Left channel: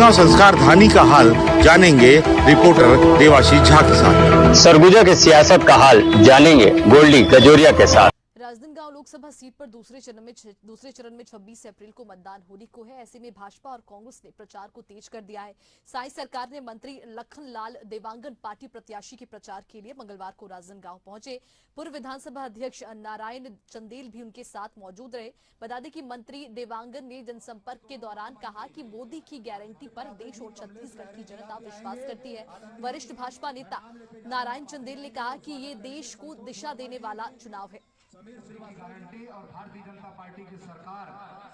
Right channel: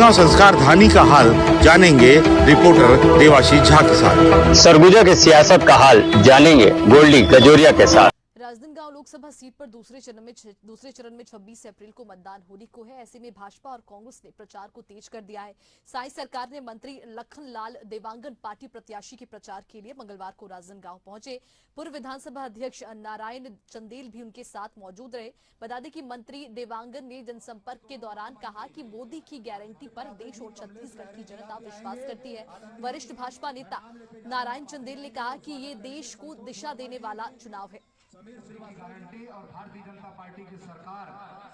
राजनांदगांव संस्कार धानी का हाल जानेंगे रिपोर्टर देवाशीष झा के साथ। सरगुजा के सियासत का हाल जानेंगे गोल्डी गजोरिया के साथ। राजनांदगांव लोकसभा सीट पर दूसरे चरण में 26 अप्रैल को मतदान होने को है। ऐसे में भाजपा और कांग्रेस ने प्रचार को तेज कर दिया है। साई सरकार ने मंत्री लखनलाल देवांगन पार्टी प्रत्याशी के प्रचार के लिए मंगलवार को राजनांदगांव पहुंचे। पूर्व विधानसभा अध्यक्ष नारायण चंदेल भी उनके साथ मौजूद रहे। बता दें कि मंत्री देवांगन ने जनसंपर्क के दौरान कहा कि मोदी की गारंटी पर देश और छत्तीसगढ़ की जनता विश्वास करती है। वरिष्ठ भाजपा नेता नारायण चंदेल ने कहा कि ये देश को दिशा देने वाला चुनाव है। गारंटी और भारतीय जनता पार्टी की सरकार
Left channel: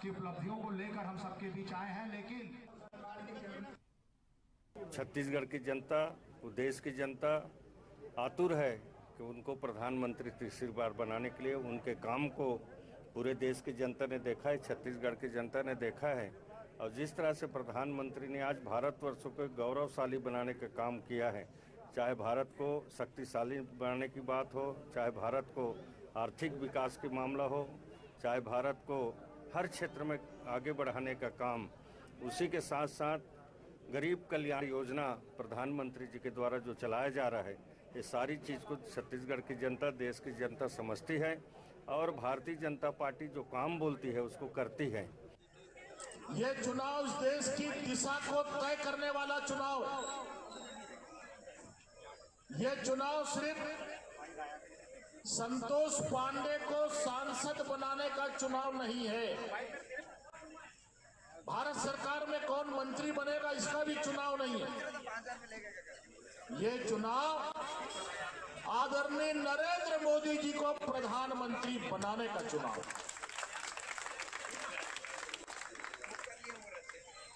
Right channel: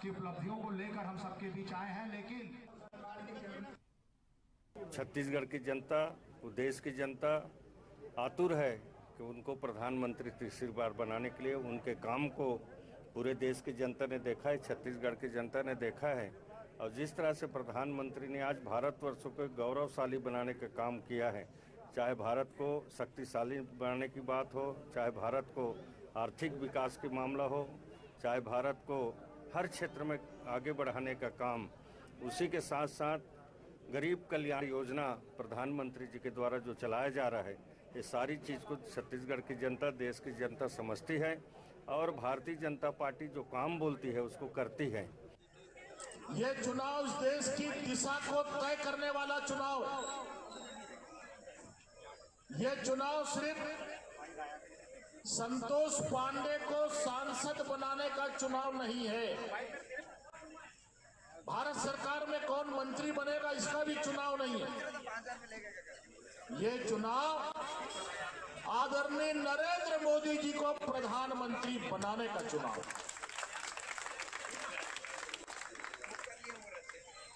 की उपलब्धियों को लेकर हम सबके बीच आए हैं, लेकिन छत्तीसगढ़ की जनता, देश की जनता आतुर है कि उनको प्रधानमंत्री तीसरी बार बनाने के लिए उनके काम को पूरे देश की जनता ने देखा है, छत्तीसगढ़ की जनता ने देखा है। और जिस तरह से प्रधानमंत्री ने आज भारतवर्ष को गौरवशाली बनाने का काम किया है, चाहे भारत को शक्तिशाली बनाने की बात हो, चाहे भारत को आर्थिक विकास की मामला हो, चाहे भारत को हर क्षेत्र में आगे बढ़ाने का काम, उसी के साथ साथ गरीब कल्याण योजना प्रधानमंत्री जी के द्वारा जो चलाया जा रहा है, ये सारी चीज़ को छत्तीसगढ़ की जनता, देश की जनता समझती है और भारतीय जनता पार्टी जो काम बोलती है उसको करती है। ये चुनाव इस देश की दिशा को तय करने वाला चुनाव है। ये चुनाव सिर्फ संतोष पांडे को सांसद बनाने का चुनाव नहीं है। भारत सरकार में कौन मंत्री बनेगा इसका भी चुनाव नहीं है। ये चुनाव आदरणीय नरेंद्र मोदी जी को प्रधानमंत्री बनाने का चुनाव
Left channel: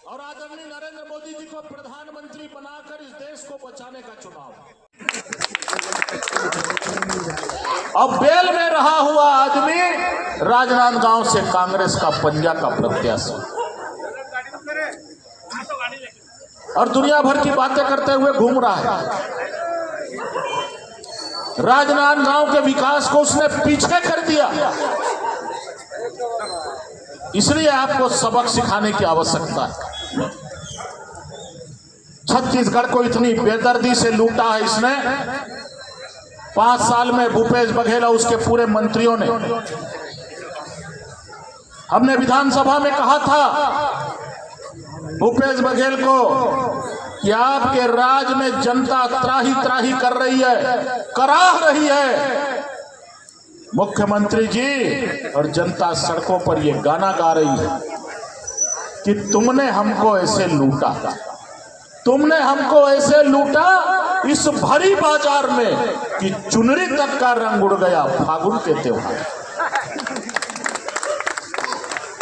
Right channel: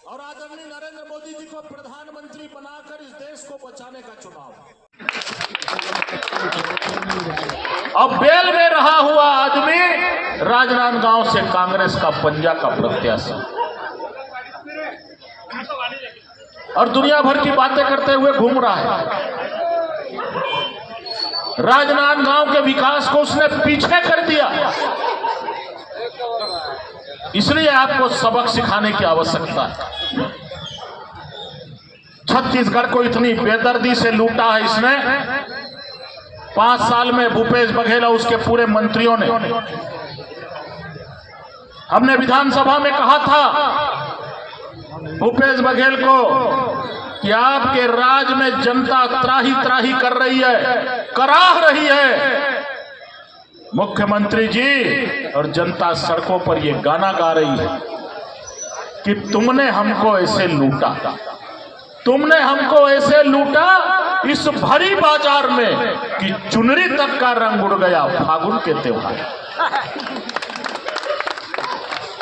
और आदरणीय नरेंद्र मोदी जी को प्रधानमंत्री बनाकर इस देश को बचाने का चुनाव। अब बेल में रहा हुआ आदमी राजनांदगांव से कांग्रेस का पंजा का प्रत्याशी और दुनिया भर की बातें करते हुए घूम रहा है। राजनांदगांव के विकास को उसने पीछे कर दिया। इसलिए आपको सबक सिखाने की आवश्यकता है। छत्तीसगढ़ को इतनी बेदर्दी से लूटा है इसने। 5 साल में भूपेश बघेल और उसके पूरे मंत्रियों ने, हमने विधानसभा में कहा था भूपेश बघेल को कि आपके राज में जनता त्राही त्राही कर रही है, कराह रही है। मुख्यमंत्री जी और जनता सड़कों पर ये गाना गा रही है कि तुमने हमको ऐसे लूटा, तुमने हमको ऐसे लूटा इस भरी बाजार में कि चुनरी तक का रंग उड़ गया फागुन के त्योहार।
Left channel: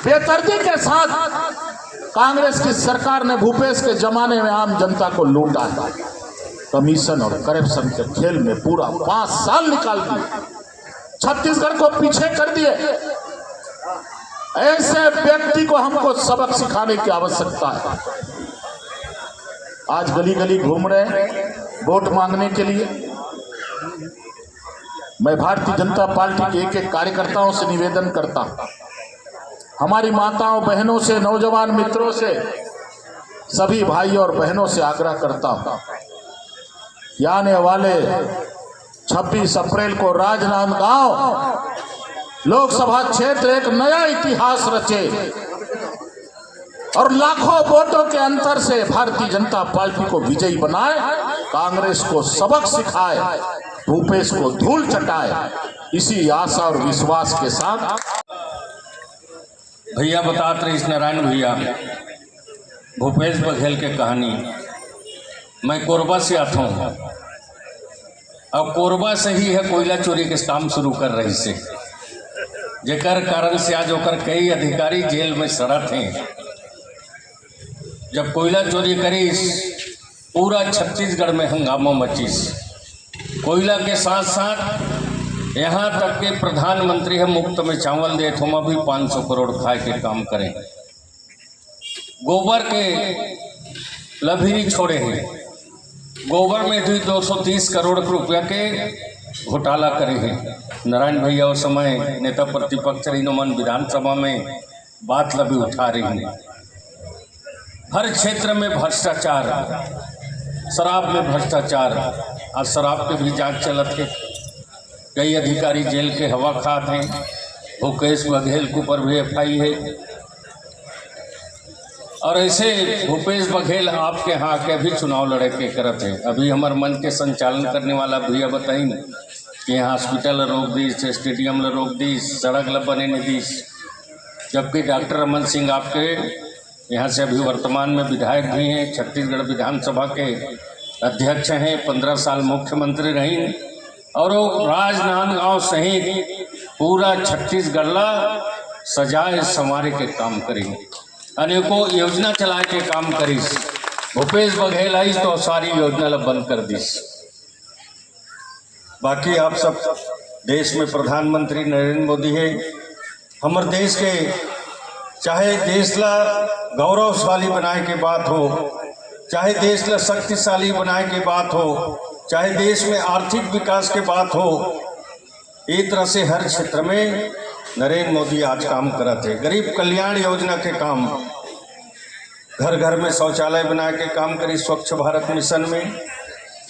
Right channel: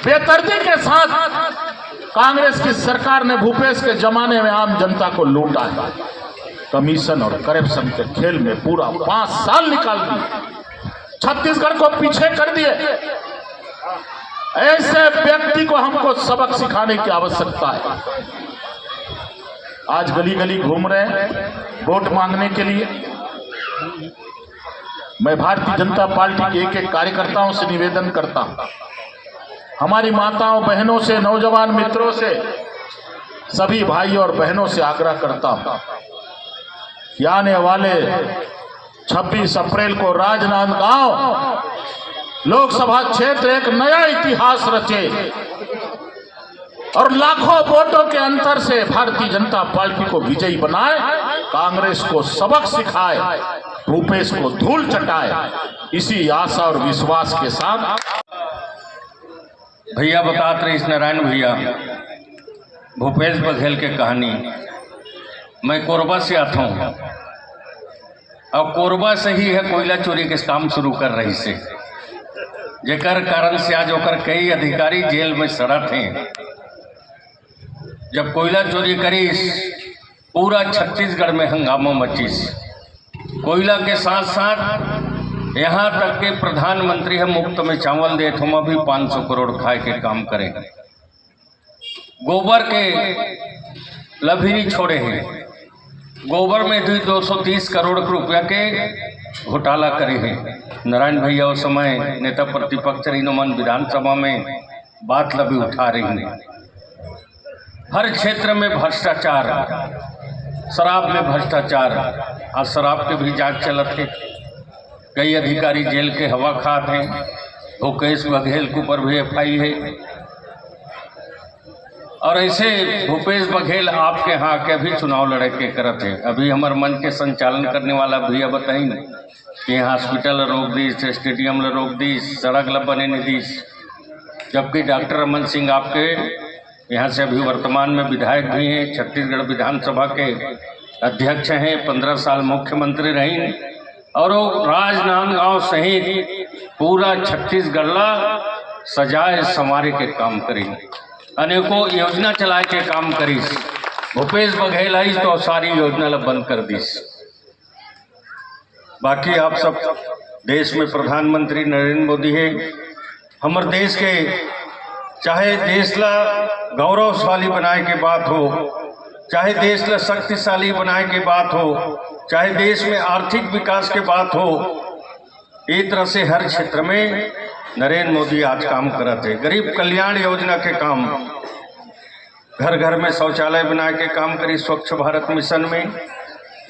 बेदर्दी के साथ कांग्रेस की सरकार ने भूपेश के जमाने में आम जनता को लूटा है। कमीशन और करप्शन के खेल में पूरा 5 साल निकाल दिए, छत्तीसगढ़ को पीछे कर दिए। ऐसे व्यक्ति को हमको सबक सिखाने की आवश्यकता है। आज गली गली घूम रहे हैं वोट मांगने के लिए। मैं भारतीय जनता पार्टी के एक कार्यकर्ताओं से निवेदन करता हूं, हमारी माताओं बहनों से, नौजवान मित्रों से, सभी भाइयों और बहनों से आग्रह करता हूं कि आने वाले 26 अप्रैल को राजनांदगांव लोकसभा क्षेत्र एक नया इतिहास रचे और लाखों वोटों के अंतर से भारतीय जनता पार्टी को विजयी बनाए, कांग्रेस को सबक सिखाए, भूपेश को धूल चटाए। इसी आशा और विश्वास के साथ भैया बताते रहे इस नारायण भैया भूपेश बघेल के कहानी। मैं कोरबा से आता हूँ और कोरबा से ही है कोयला चोरी के काम शुरू कर रही से, जेकर कारण से आज होकर कई अधिकारी जेल में सड़ा थे। जब कोयला चोरी करी पूरा छत्तीसगढ़ में हंगामा मचीस। कोयला के साथ साथ यहाँ तक के प्रधानमंत्री है मुफ्त में चावल दे तो भी 500 करोड़ खाए के काम करें। गोबर के लभीरी छोड़े हैं, गोबर में भी 230 करोड़ रुपया के घोटाला करे हैं। नारायण भैया उस समय नेता प्रतिपक्ष रही मन विधानसभा में बात लभी उठा रही हैं। हर क्षेत्र में भ्रष्टाचार, शराब में भ्रष्टाचार। आज शराब के भी जांच चलत है, कई अधिकारी जेल के हवा खात हैं। भूपेश बघेल के ऊपर भी FI है। और ऐसे भूपेश बघेल आपके यहाँ के अभी चुनाव लड़े के करत है। अभी हमारे मन के संचालन करने वाला भैया बताई न कि यहाँ हॉस्पिटल रोक दीस, स्टेडियम रोक दीस, सड़क ला बने नहीं दीस, जबकि डॉक्टर रमन सिंह आपके यहाँ से अभी वर्तमान में विधायक भी हैं, छत्तीसगढ़ विधानसभा के अध्यक्ष हैं, 15 साल मुख्यमंत्री रही और वो राजनांदगांव सहित पूरा छत्तीसगढ़ ला सजाए संवारे के काम करी, अनेकों योजना चलाए के काम करीस। भूपेश बघेल आई तो सारी योजना ला बंद कर दीस। बाकी आप सब देश में प्रधानमंत्री नरेंद्र मोदी है। हमारे देश के चाहे देश ला गौरवशाली बनाए के बात हो, चाहे देश ला शक्तिशाली बनाए के बात हो, चाहे देश में आर्थिक विकास के बात हो, एक तरह से हर क्षेत्र में नरेंद्र मोदी आज काम करते हैं। गरीब कल्याण योजना के काम, घर घर में शौचालय बनाए के काम करी, स्वच्छ भारत मिशन में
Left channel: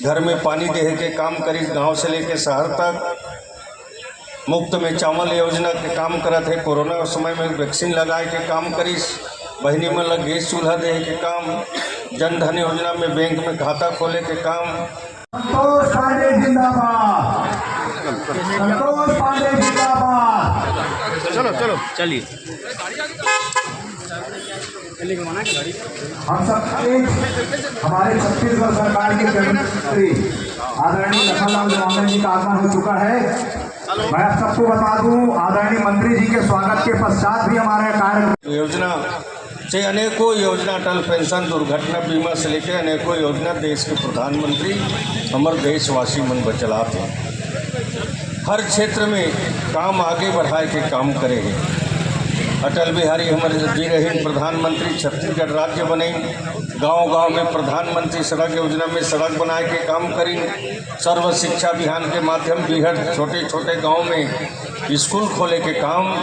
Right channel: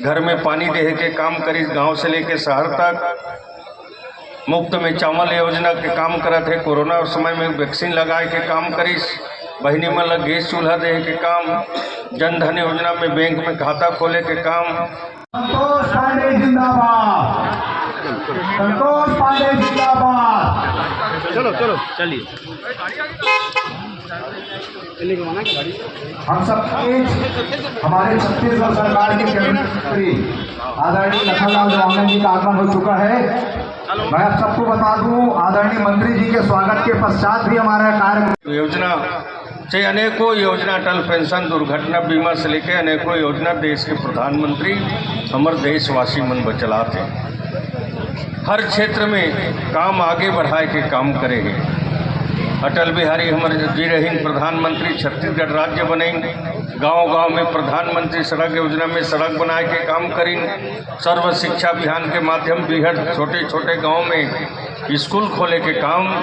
घर में पानी देहे के काम करी, गांव से लेके शहर तक मुफ्त में चावल योजना के काम करते हैं। कोरोना समय में वैक्सीन लगाए के काम करीस, बहनी मन लग गैस चूल्हा देहे के काम, जन धन योजना में बैंक में खाता खोले के काम। संतोष पांडे जिंदाबाद, संतोष पांडे जिंदाबाद। चलो चलो चलिए। हम सब हमारे छत्तीसगढ़ सरकार के कैबिनेट मंत्री आदरणीय लखनलाल देवांगन जी का आगमन हो चुका है। मैं आप सबको बता दूं, आदरणीय मंत्री जी के स्वागत के पश्चात भी हमारा कार्य योजना से अनेकों योजना, अटल पेंशन, दुर्घटना बीमा से लेकर अनेकों योजना देश के प्रधानमंत्री हमारे देशवासी मन बचलाते हैं। हर क्षेत्र में काम आगे बढ़ाए के काम करेंगे। अटल बिहारी हमारे जी रहीन प्रधानमंत्री, छत्तीसगढ़ राज्य बने, गांव-गांव में प्रधानमंत्री सड़क योजना में सड़क बनाए के काम करी, सर्व शिक्षा अभियान के माध्यम से छोटे छोटे गांव में स्कूल खोले के काम